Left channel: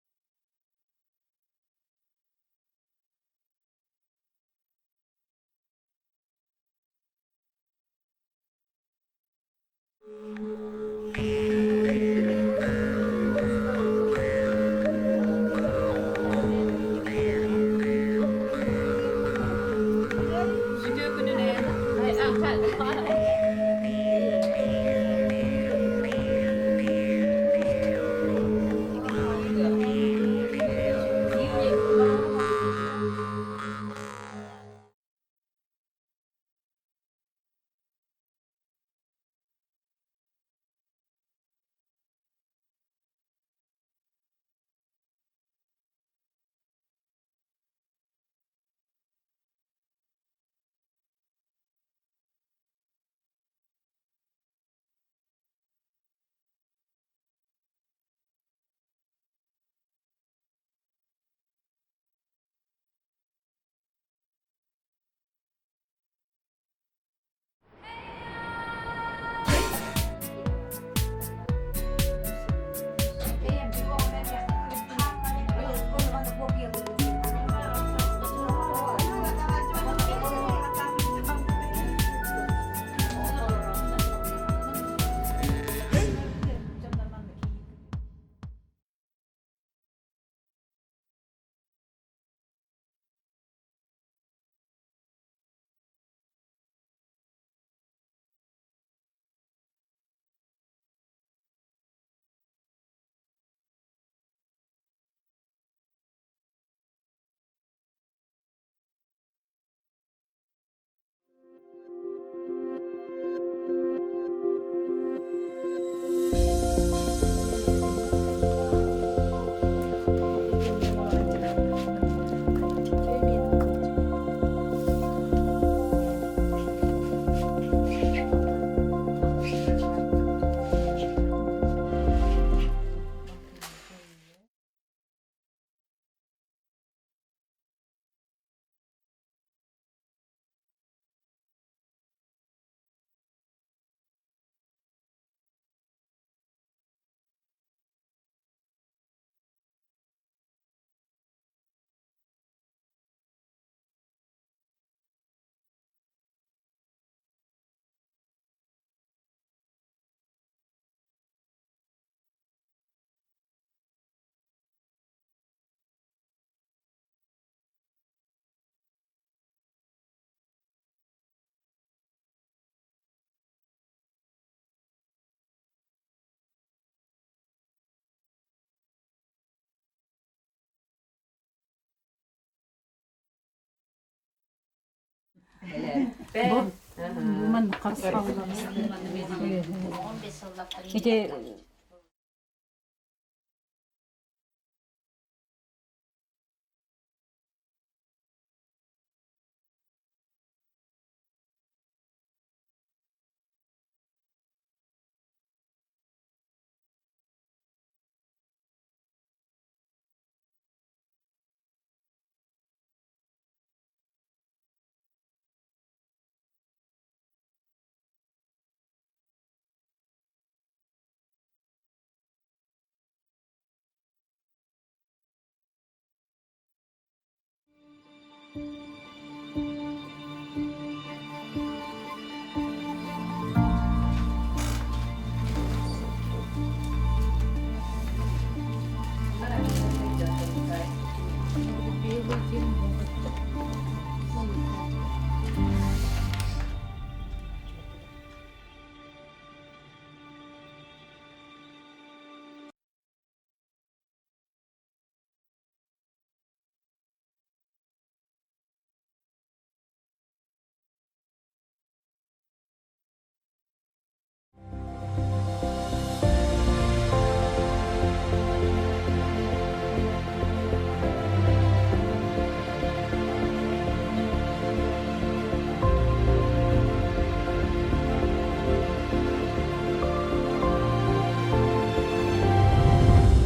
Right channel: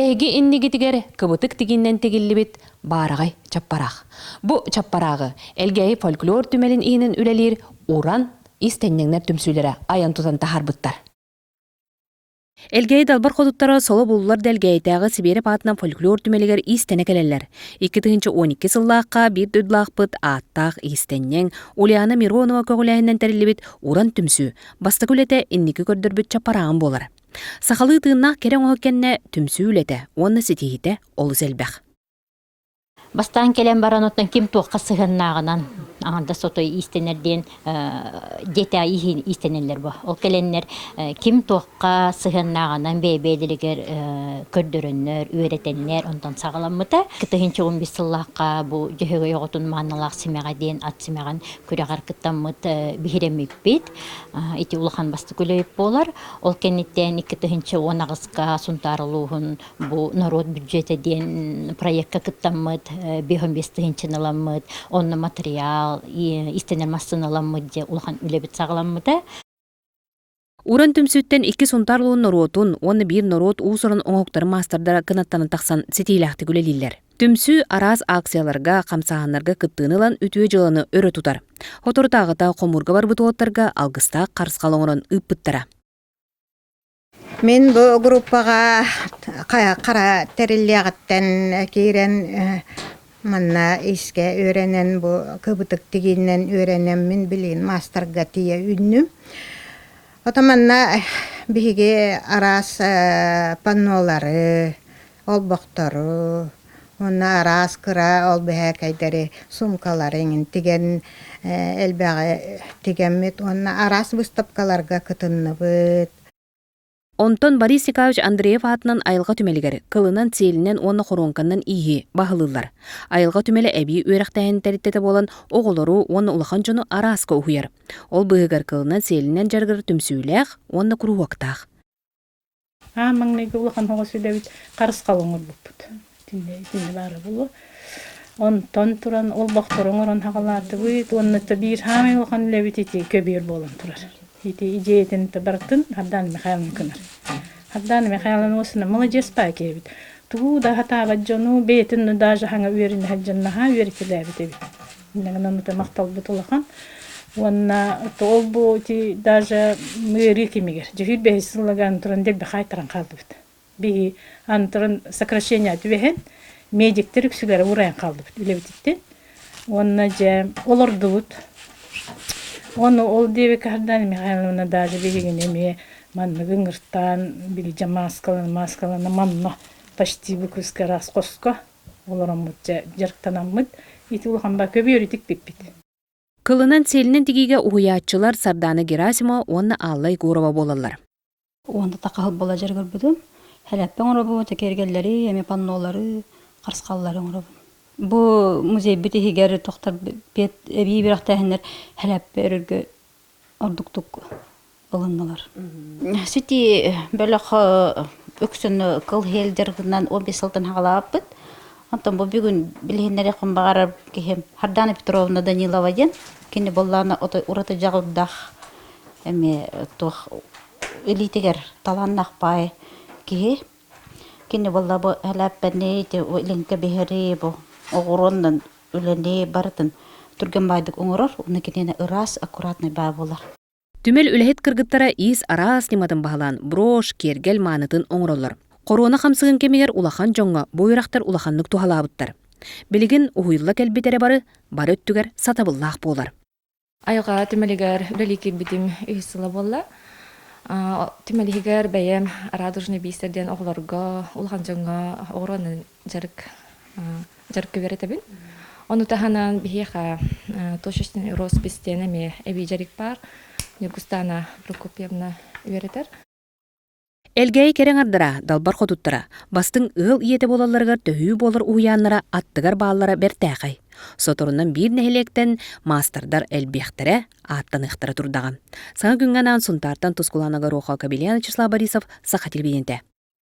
эги иннигитигер кыбытык тигиннен тегиллибит баарагай чаппарақ. Бу чаппарагы элгеи фольклор түмелин иинин үлелир уран истеннеңнер түмсүлері аян тутан тахарбыттар. Элгей далбар кодуттара соло буллар делгейтағы Сибири батынан фольклор түмелигер истене келелер. 2012 сыллаққа bir дөдлақпыт аттақ истеннен Ульяна Миронова көгіләйінен тәрілібіт уран түмсү. Басты күлеті инники көрдірбіт чапарағын болар. Сақалы тыыннақ керен оңеккенне түмсү үлеті, оны сетейді ол зелбәқ. Бастан келен баран оттан ким тоққа сығыннағынан аңында сотой истенерден дета ихин истенелер ба. Ол келеннер ким тоққа сығыннағынан бейбейділігер көрдіріннер, үйретеннер, ондан сағаламыта. Кітігінші 15 сыллаққа бұл жүйеге yoğutun мағыналақ сімеға дейін ат сімеған күрәғар кіттамыт бігіремек бейт. Ити улахан басты көлейіп болар. Ол кенеттен 2-тігінші 10-ағызға сұнтарылуғын бұл народ бюджеті дейін проектқа кіттамыт, 15-тігінші наламыт, онны материал, истенер масын аламыд, улахан үлебет сағаламыда. Уран түмсүттен 2 сунтарлуын норотун, оны bir норот уусырын оңоқтары мастардара кынаттаны тақсан сетейлақты күлелейлер. Түмсү араз акцияларға, қамсағанларға кыттыынылан үтуе жыланы өрі тұтар. Оторытағыта қомурға бар бұтуаттарға алғыста қарысқалыңырын үппіттіра. Мен бұл группаға қара тәріллеғіттен кейрен манна иске öğrenen bu kıbıtık diginden öğrenen min bilin master gatiye ünlü. Otamanna bihige aras panoları, olbaktoru, onna aras kıra olbihe kaydari sumkaların tigen elbeğe tigemmet onna aras bыстапкаларга kıtınlıbıt. Онтон Борис Яковлевич Андреев атынан айылға түмелігер, кылынан селінен оны хоронканнан иhi бағылылар. Айылға түмелі әбей өріқтайын тәріттеті болан оғылару оны ұлақан жону араска ұхуер. Ол бұғығар кылынан селінен жарғыр түмсүйләқ, оны күру вақтақ. Маңнайғы ұлақан оға сөйләбет қарыс қалыңыр бұппыд. Тінде бары бұлы. Онтон тұран ол бақтырың ұрын хағаларды бұйт, оны бір хамай ұлақан үләбет еті көбейір болан тұрар. Ити идеятын табартын Хаддан Михайловна кынар. Хаддан Михайловна осына молодец пакебит. Туу да хатаға жону бетін даже хаңа үйерін хаджаннаға үйеркеләбит ебит. Иннагынан ұта мақтал бұтылақан. Онна ол бұ ти даже үйері кемегер. Жүйір бәйі сыллаган тұран дел бәқай таран қалды бит. Бейі антырын сокращение түбәхен медиктер үксілері ұрайын қалды бит. Үлебеттен. Онна жа оларды бұт. Onu ol diye Harddan Mihайловна даже bilgin eme manna gıngırttan bilge maskalarına manna почти bu kuska ras koska olaramıt jarktanamıt iti ulhan ba köbüyöritik bipbit. Kılынан селінен тигиге уяатчылар Сарданы Герасима онна Аллай Гурова болалар. Онда тақағыл бола жаргыр бұдым. Хәләппен орабы, текергеллері, еме паннолары, қарсқаллары орабы. Bu muzey bitihigeri tohtar bet ebi bir ahtahınlar helap berge orduktuk alınmalar. Süti böyle öksünü kıl helderginden 15 yıldan hağalapıt. Ondan bu bir gün bilhinleri kumbağarab kihem Hardana Petrovna Danilova den kini bollana urata jağıldah eme toh elitiger talannak pay kihe kini bolla bu helap benne te o linke beheri bu oğurundan ölene barıtın Түргенбайдык оңорор, уны кетене ырас аккуратный бай болар. Түмел үлэхет кыргыттара ис арас нематын бағалан, брош, кергел манытын оңоролар. Корона қамсығын кемелер улахан жоңға, бойрақтар улаханлык тухалабыттар. Билигин уйылла кәлбетере бары өттігер сатабыллақ болар. Айға түмелігер үлелеке бітім үйсілі болла. Түмелігер бәйем радужны бейстерден оғыларға, улахан жоңға оғыранын жарық көберетебін. Onu tahanan bihiqa toşuştin rоспистен эме эби жарик бар. Югустана Прокопьевна үйрәтеп. Элгей керең ардыра, далбар хотуттара. Бастың ыл иете болаларга төһүү болар уяннара аттыгар баалара бертәгай. Соторунан бир нәһилектен мастердар элбехтере аттан ихтара турдаган. Саңа күнгәнән сунтардан тускулана Роха Кабелен Вячеслав Борисов Саха телевидениедә.